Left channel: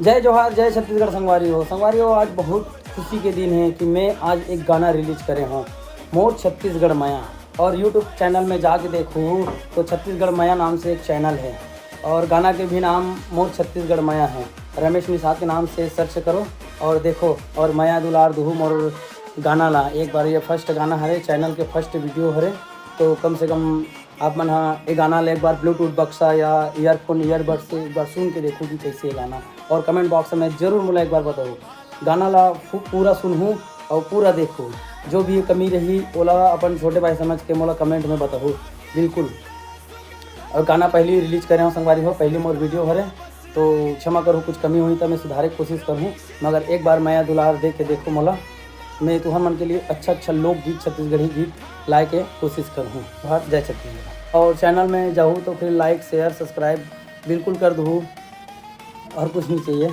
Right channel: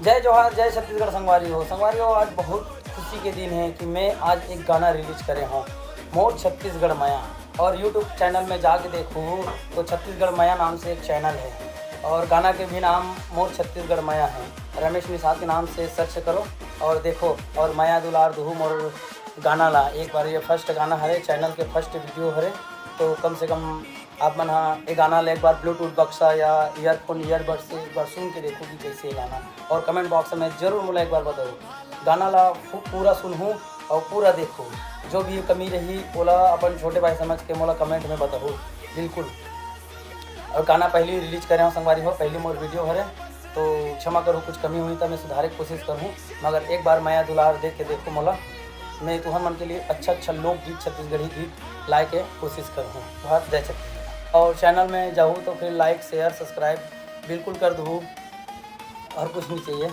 जय जोहार, जय छत्तीसगढ़ संगवारी हो। आज बहुत खुशी के दिन है कि मैं आज एक गाना रिलीज करे हूँ, मोर छत्तीसगढ़ माया। और यूट्यूब चैनल में जाके देखो तो छत्तीसगढ़ माया नाम से एक चैनल है और गाना के भी नाम मोर छत्तीसगढ़ माया है। रमेश मिश्रा के नाम से सर्च करो और देखो, और माया दुलार दुहूम और गाना ला एक बार। ये फर्स्ट गाना है, चैनल के फर्स्ट वीडियो है, तो कम से कम आप मन ये गाना ले एक बार ब्लूटूथ बक्सा या ईयरफोन ईयरबड से एक बार सुन के देखो कि कैसे है गाना। और कमेंट बॉक्स में जरूर मुझे एक बार बताओ, गाना ला पूरा सुनूँ और पूरा देखो, जो भी कमी रही ओला अपन छोटे भाई समझ के मोला कमेंट में बताओ बिल्कुल। और गाना पहले रिलीज करे हूँ संगवारी हो, पहले मोर वीडियो हरे, तो क्षमा करो कुछ कमी हुई तो मैं सुधारे की कोशिश करूँ, मगर एक बार माया दुलार देख के देखो मोला। मैं तो हम मन के लिए अच्छा लोकगीत छत्तीसगढ़ी गीत लाए के कोशिश करूँ। जय छत्तीसगढ़। और चैनल में जाऊँ तो फिर लाइक शेयर सब्सक्राइब बिल्कुल कर दूँ, और कुछ नहीं चाहिए।